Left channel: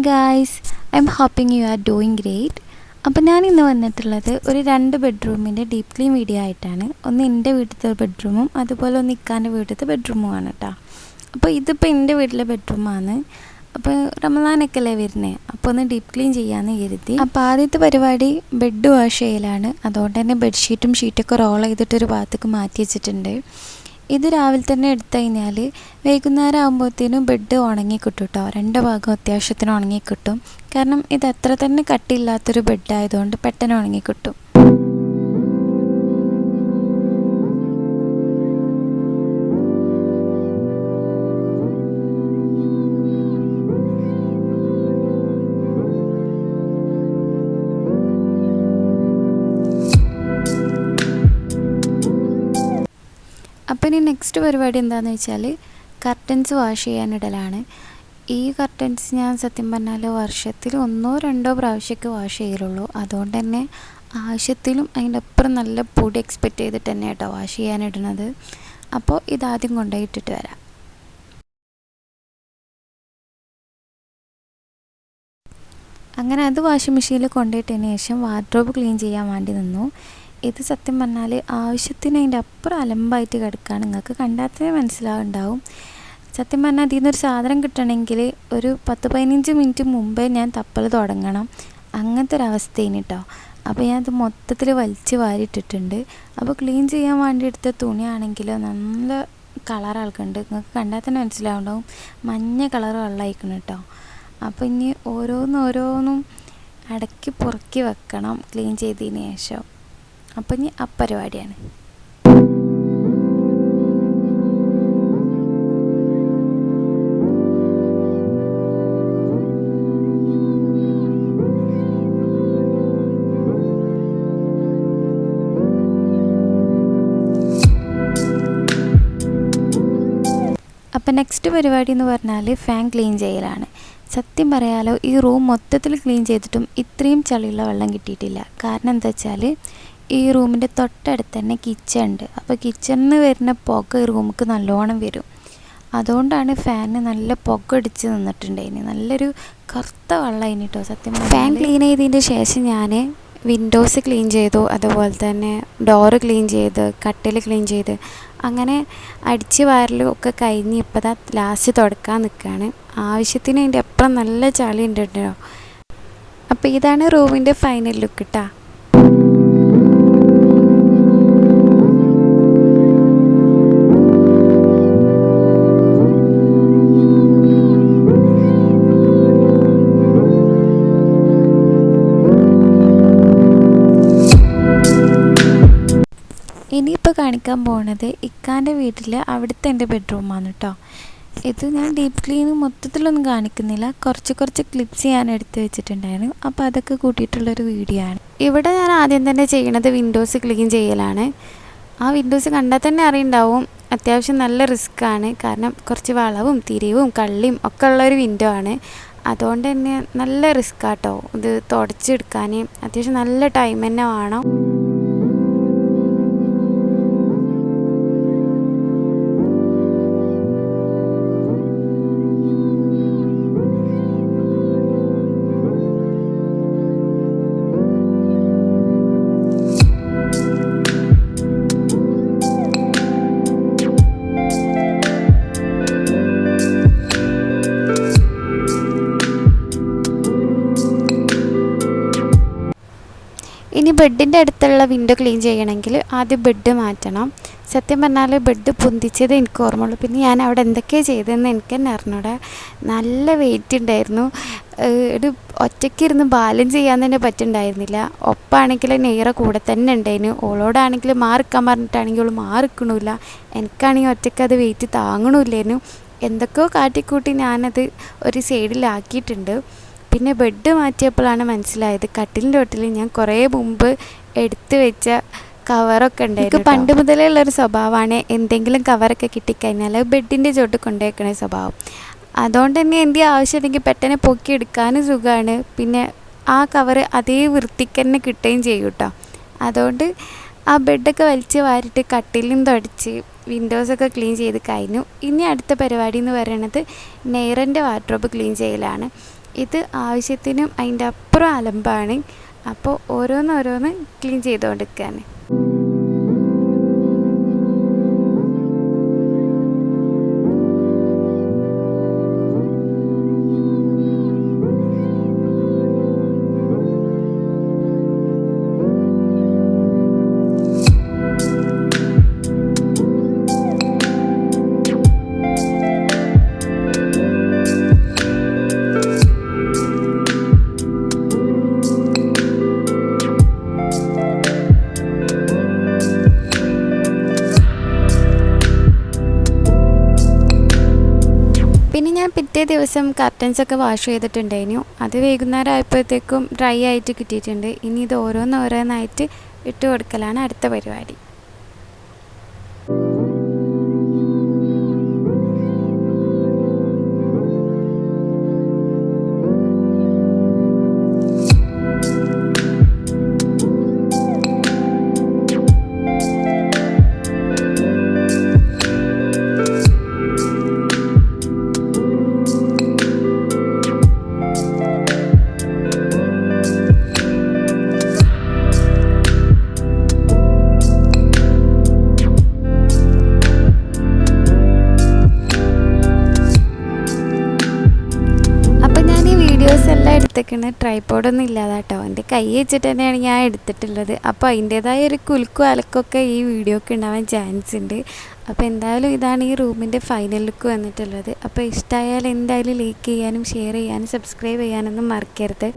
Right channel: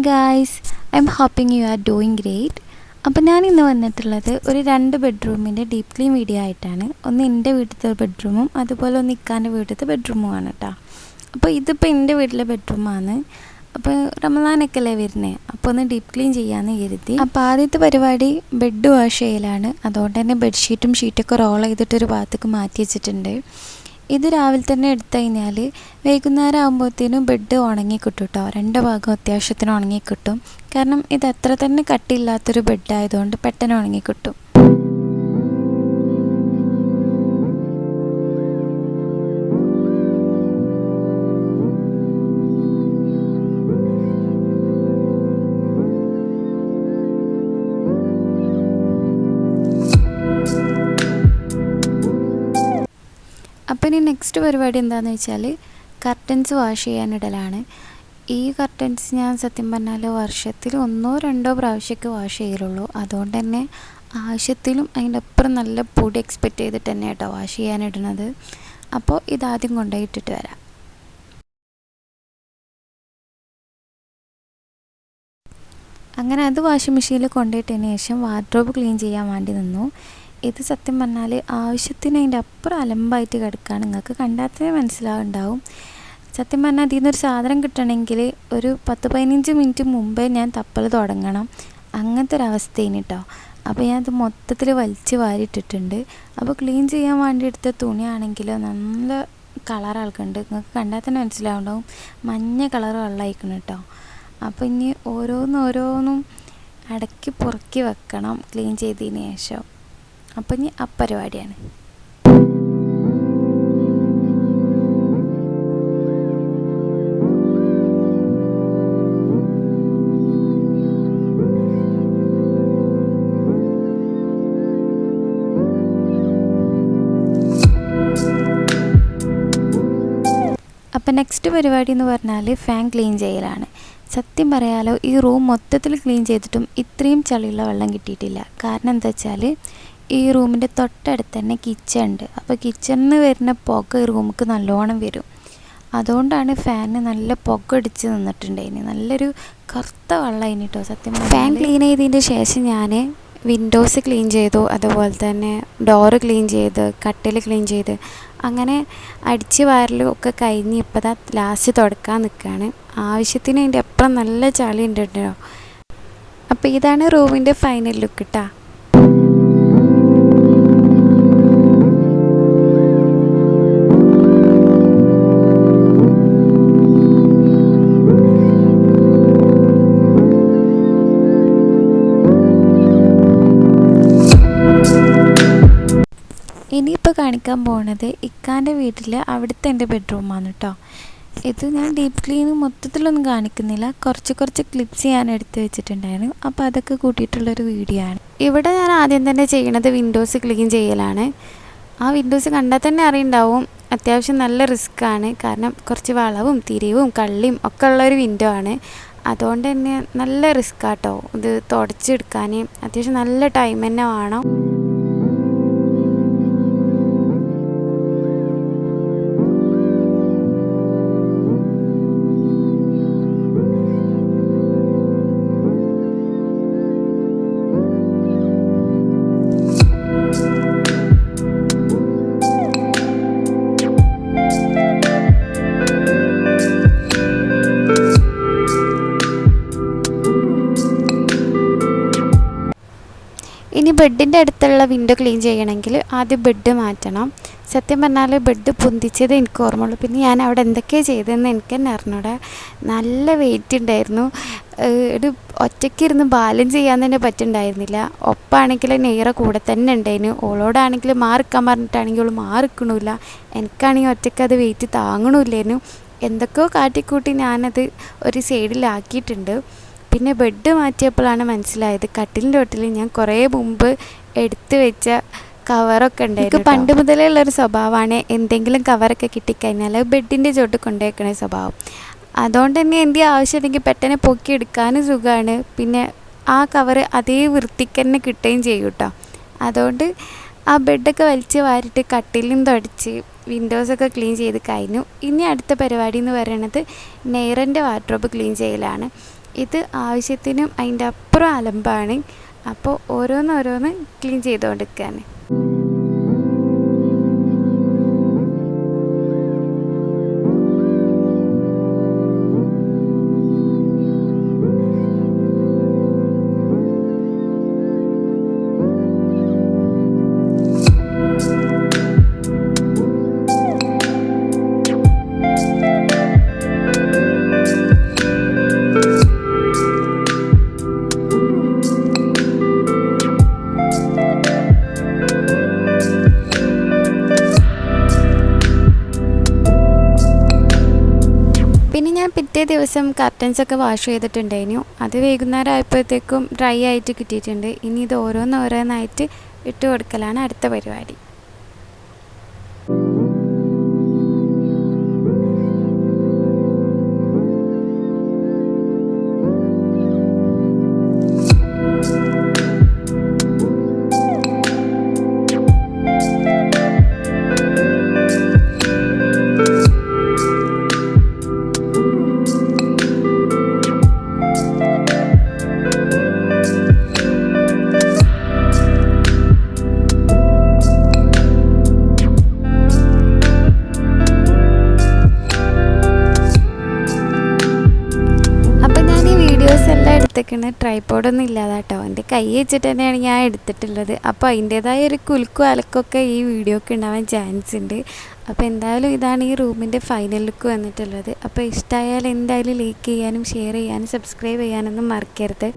Hi guys, I am hoping you are doing great. അപ്പോൾ ഞാൻ ഇന്ന് വന്നിട്ടുള്ളത് ഒരു 2 ബെഡ്റൂമിൻ്റെ ഡീപ്പ് ക്ലീൻ വീഡിയോ ആയിട്ടാണ്. ഒന്ന് എൻ്റെ വീട്ടിലത്തെ ബെഡ്റൂമും അതുപോലെ ഒന്ന് ഇക്കാൻ്റെ വീട്ടിലത്തെ ബെഡ്റൂമുമാണ് കേട്ടോ. അപ്പോൾ ഇതിപ്പോൾ എൻ്റെ വീട്ടിലെ ബെഡ്റൂമാണ്. അപ്പോൾ റമദാനൊക്കെ അല്ലേ വരുന്നത്, അപ്പോൾ ഒന്ന് ഡീപ്പ് ക്ലീൻ ചെയ്യാമെന്ന് കരുതി. അപ്പോൾ ആദ്യത്തെ പരിപാടി ബെഡ് വാഷ് ചെയ്യലാണ്. അതുകൊണ്ട് തന്നെ ബെഡ്ഷീറ്റും ഷീറ്റൊക്കെ റോൾ ചെയ്തിട്ടൊരു ഭാഗത്തേക്ക് മാറ്റി വെച്ചിട്ടുണ്ട്. ഇത് രാവിലെ തന്നെ എടുത്തു കഴിഞ്ഞാൽ വൈകുന്നേരം ആകുമ്പോഴത്തേനും ബെഡ് ഉണങ്ങിക്കിട്ടും കേട്ടോ. 2 ഭാഗം അത്യാവശ്യത്തിന് ഉണങ്ങിക്കിട്ടും. കാരണം ഇത് അത്ര തന്നെ കട്ടിയില്ലാത്തൊരു ബെഡായതുകൊണ്ട് പെട്ടെന്ന് ഉണങ്ങിക്കിട്ടും. അപ്പം ഇനി നെക്സ്റ്റ് പരിപാടി എന്താണെന്ന് വെച്ചാൽ കർട്ടൻസ് വാഷ് ചെയ്യാനിടലാണ്. ഈ കർട്ടൻസ് ഞാൻ സത്യം പറഞ്ഞാൽ വർഷത്തിൽ 1-2 പ്രാവശ്യമൊക്കെ വാഷ് ചെയ്യലുള്ളൂ. അതുകൊണ്ട് തന്നെ ആവശ്യത്തിലും അതിൻ്റെ അപ്പുറം നല്ല പൊടി എക്സ്പെക്റ്റ് ചെയ്തിട്ട് തന്നെ കേട്ടോ വാഷ് ചെയ്യാനിടുന്നത്. അപ്പോൾ ഇതാദ്യം കൊണ്ടുപോയിട്ടിട്ട് വരാം. അങ്ങനെ അത് വാഷിംഗ് മെഷീനിൽ കൊണ്ടുപോയിട്ടതിന് ശേഷം വാർഡ്രോബ് ക്ലീൻ ചെയ്യാൻ വേണ്ടി നിന്നു. ഇത് സത്യം പറഞ്ഞാൽ ആവശ്യത്തിന് അതിൻ്റെ അപ്പുറം അലമ്പായിട്ട് കിടക്കുകയാണ്. നിങ്ങൾക്ക് കണ്ടാൽ തന്നെ മനസ്സിലാവുണ്ടാവും. സത്യം പറഞ്ഞാൽ ഇതിൽ നിന്നൊരു സാധനം കിട്ടണമെങ്കിൽ ഒരു 10-15 മിനിറ്റ് മുമ്പേ ഞാൻ തപ്പൽ തുടങ്ങണം. അങ്ങനത്തെ ഒരവസ്ഥയാണ് കേട്ടോ. അപ്പോൾ ഞാനത് മൊത്തത്തിൽ വലിച്ച് വാരിയിട്ടിട്ടുണ്ട്. അപ്പോൾ ക്ലീൻ ചെയ്യാൻ വേണ്ടി എടുത്ത തുണിയാണെങ്കിൽ നല്ല കളർ ആൾക്കുണ്ട്. നിങ്ങൾക്ക് കണ്ടാൽ തന്നെ മനസ്സിലാവുണ്ടാവും. മഞ്ഞ കളർ വെള്ളമായിക്കണം കേട്ടോ. അപ്പോൾ ഇനി ഓരോന്നും അടക്കി പുറക്കി വെക്കണം ക്ലീൻ ചെയ്തതിന് ശേഷം. അപ്പം ഇനി പരിപാടിയാണ്. അപ്പം നെക്സ്റ്റ് പരിപാടി എന്ന് പറഞ്ഞാൽ ഫാൻ ക്ലീൻ ചെയ്യലാണ്. സത്യം പറയാലോ, ഈ റൂം മൊത്തത്തിൽ ക്ലീൻ ചെയ്തിട്ടും ഇത്രയും ചളിയുള്ള വെള്ളം കിട്ടിയിട്ടില്ല. കാരണം എന്താ വെച്ചാൽ ഈ റൂമിൻ്റെ തൊട്ടടുത്ത് തന്നെ കിച്ചൺ ഉണ്ട്. അപ്പോൾ കിച്ചണിൽ നിന്ന് വരുന്ന പുക ഈ റൂമിക്ക് നല്ലോണം വരും. അതുകൊണ്ടാണ് ഫാനിന് നല്ല പുക അടിച്ച് നിന്നിട്ടുണ്ടായിന്. നല്ലൊരു കറുത്ത വെള്ളമായിന് കേട്ടോ സത്യം. ഫാൻ ക്ലീൻ ചെയ്തതിൻ്റെ ശേഷം ഞാൻ വിൻഡോസ് ക്ലീൻ ചെയ്തു, അതുപോലെ തന്നെ ഡോറ് ക്ലീൻ ചെയ്ത്, കട്ടിൽ ക്ലീൻ ചെയ്ത്, അങ്ങനെ അടിച്ച് വാരലും ഒക്കെ കഴിഞ്ഞ് ഇപ്പോൾ ദാ ലാസ്റ്റ് തുടക്കാൻ നിൽക്കുകയാണ്. ആവശ്യത്തിന് അതിൻ്റെ അപ്പുറം നല്ല ചളി ഉണ്ട് കേട്ടോ. അപ്പോൾ ഇതാണ് റൂമിൻ്റെ ഫൈനൽ ലുക്ക് കേട്ടോ. ഇനിയിപ്പോൾ കാണിക്കാൻ പോകുന്നത് ഇക്കാൻ്റെ വീട്ടിൽ അവിടുത്തെ എൻ്റെ ബെഡ്റൂമാണ് കേട്ടോ. ഇത് ഞാൻ ഡീപ്പ് ക്ലീൻ മൊത്തത്തിലൊന്നും കാണിക്കുന്നില്ല. കുറച്ച് ക്ലിപ്സ് ഞാൻ എടുത്ത് വെച്ചിട്ടുണ്ടായിരുന്നു. അപ്പോൾ അതൊക്കെ കൂട്ടിയിട്ടുള്ളൊരു വീഡിയോ ആണ്. ഇവിടെ ഞാൻ ആദ്യം തന്നെ ചെയ്യണത് വിൻഡോസ് ക്ലീൻ ചെയ്യലാണ്. ആ വിൻഡോസ് കണ്ടാൽ തന്നെ അറിയുണ്ടാവും അത്യാവശ്യം നല്ല റിസ്ക്കാണ്. കാരണം കുറച്ച് വളവും തിരിവും കള്ളിയും ഒക്കെ ഉള്ളൊരു വിൻഡോ ആണ്. അതുകൊണ്ട് തന്നെ നല്ല റിസ്ക്കാട്ടോ ഇത് തുടച്ചെടുക്കാൻ. അത്യാവശ്യം നല്ല ടൈം തന്നെ വേണം. ഇനി ബെഡിൻ്റെ അടുത്തുള്ള വിൻഡോ ക്ലീൻ ചെയ്യണമെങ്കിൽ ആദ്യം ബെഡ് മാറ്റണം. സത്യം പറഞ്ഞാൽ ബെഡ് പൊന്തിച്ചത് എനിക്ക് ഓർമ്മയുള്ളൂ. പിന്നെ ഞാൻ അവിടെ എന്തൊക്കെയാണ് ചെയ്തതെന്ന് എനിക്ക് തന്നെ അറിഞ്ഞൂടെ. നല്ല വെയിറ്റ് ഉണ്ടായിരുന്നു. ഒരു ഒറ്റയ്ക്കിരുന്ന് ബാലൻസ് ചെയ്യാൻ തന്നെ പറ്റുന്നുണ്ടായിരുന്നില്ല. ഒപ്പാണെങ്കിൽ നെയ്റ കൂടെ തന്നെ ഉണ്ടായിരുന്നു. ഓളോടാണെങ്കിൽ മാറിക്കാൻ പറഞ്ഞിട്ടാണെങ്കിൽ ഓൾ മാറിക്കണില്ല. എനിക്കാണെങ്കിൽ ഒറ്റയ്ക്ക് അത് വെയിറ്റ് താങ്ങണമില്ലായിരുന്നു. എന്തൊക്കെയോ കാട്ടിക്കൂട്ടി ഞാനത് ഒരു സൈഡിലാക്കിയിട്ടുണ്ട്. പിന്നെ ബെഡ് മാറ്റിയപ്പോഴാണ് മനസ്സിലായത് കട്ടിലിൻ്റെ തൊട്ടിൽ ഞാൻ കുറേ മുമ്പ് എടുത്തു വെച്ച കവറൊക്കെ ഉണ്ടായിരുന്നു. എനിക്ക് പണ്ട് മുതലേ ഉള്ളൊരു സ്വഭാവമാണ് എന്തെങ്കിലും കവറൊക്കെ കിട്ടിക്കഴിഞ്ഞാൽ ബെഡിൻ്റെ ചോട്ട് കൊണ്ടുവയ്ക്കണ സ്വഭാവം. അതുകൊണ്ട് തന്നെ എൻ്റെ ആവശ്യമുണ്ടെങ്കിൽ പെട്ടെന്ന് പൊക്കിയെടുക്കാനും സുഖമാണ്. പിന്നെ ആ കവർ അതേ വൃത്തിക്ക് തന്നെ കിട്ടുകയും ചെയ്യും കേട്ടോ. അതുകൊണ്ട് ആ ബെഡൊക്കെ വലിച്ച് വാരിയിട്ട് കട്ടിലും തുടച്ച് വിൻഡോസൊക്കെ ക്ലീൻ ചെയ്ത് കഴിഞ്ഞു. ഇനി അടുത്ത പരിപാടി എന്ന് പറയുന്നത് നെയ്റൻ്റെ വാർഡ്രോബ് ക്ലീൻ ചെയ്യലാണ്. ഇത് ആവശ്യത്തിനും അതിൻ്റെ അപ്പുറം അലമ്പാണ്. അപ്പോൾ ഓരോന്നോരോന്ന് ക്ലീൻ ചെയ്തുകൊണ്ടിരിക്കുകയാണ്. പിന്നെ ഞാൻ പിറ്റേ ദിവസം കർട്ടൻസൊക്കെ വാഷ് ചെയ്തിട്ടുണ്ടായിരുന്നു. അത് വൈകുന്നേരം ആയപ്പോഴത്തേക്കും ഡ്രൈ ആയിട്ട് കിട്ടിയിട്ടുണ്ട്. ഇനി ഇത് ഓരോന്നോരോന്നായിട്ട് ഇട്ട് കൊടുക്കലാണ് അടുത്ത പരിപാടി. അപ്പോൾ ഞാൻ ഈ വീഡിയോസ് എല്ലാം എടുത്തേക്കുന്നത് ട്രൈപോഡൊന്നും ഇല്ലാതെ കേട്ടോ, എൻ്റെ കൈ വെച്ചിട്ട് തന്നെയാണ് ഞാൻ എടുത്തിട്ടുള്ളത്. അപ്പോൾ അതിൻ്റേതായ ഒരു കുലുക്കും അലക്കൊക്കെ ഈ വീഡിയോക്ക് ഉണ്ടാവാൻ ചാൻസ് ഉണ്ട്. അപ്പോൾ എന്തായാലും ഇതാണ് ഈ റൂമിൻ്റെ ഫൈനൽ ലുക്ക് വന്നിട്ടുള്ളത്. അപ്പോൾ ഇഷ്ടമായാൽ എന്തായാലും ലൈക്ക് ചെയ്യാനും ഷെയർ ചെയ്യാനും സബ്സ്ക്രൈബ് ചെയ്യാനൊന്നും മറക്കരുത്.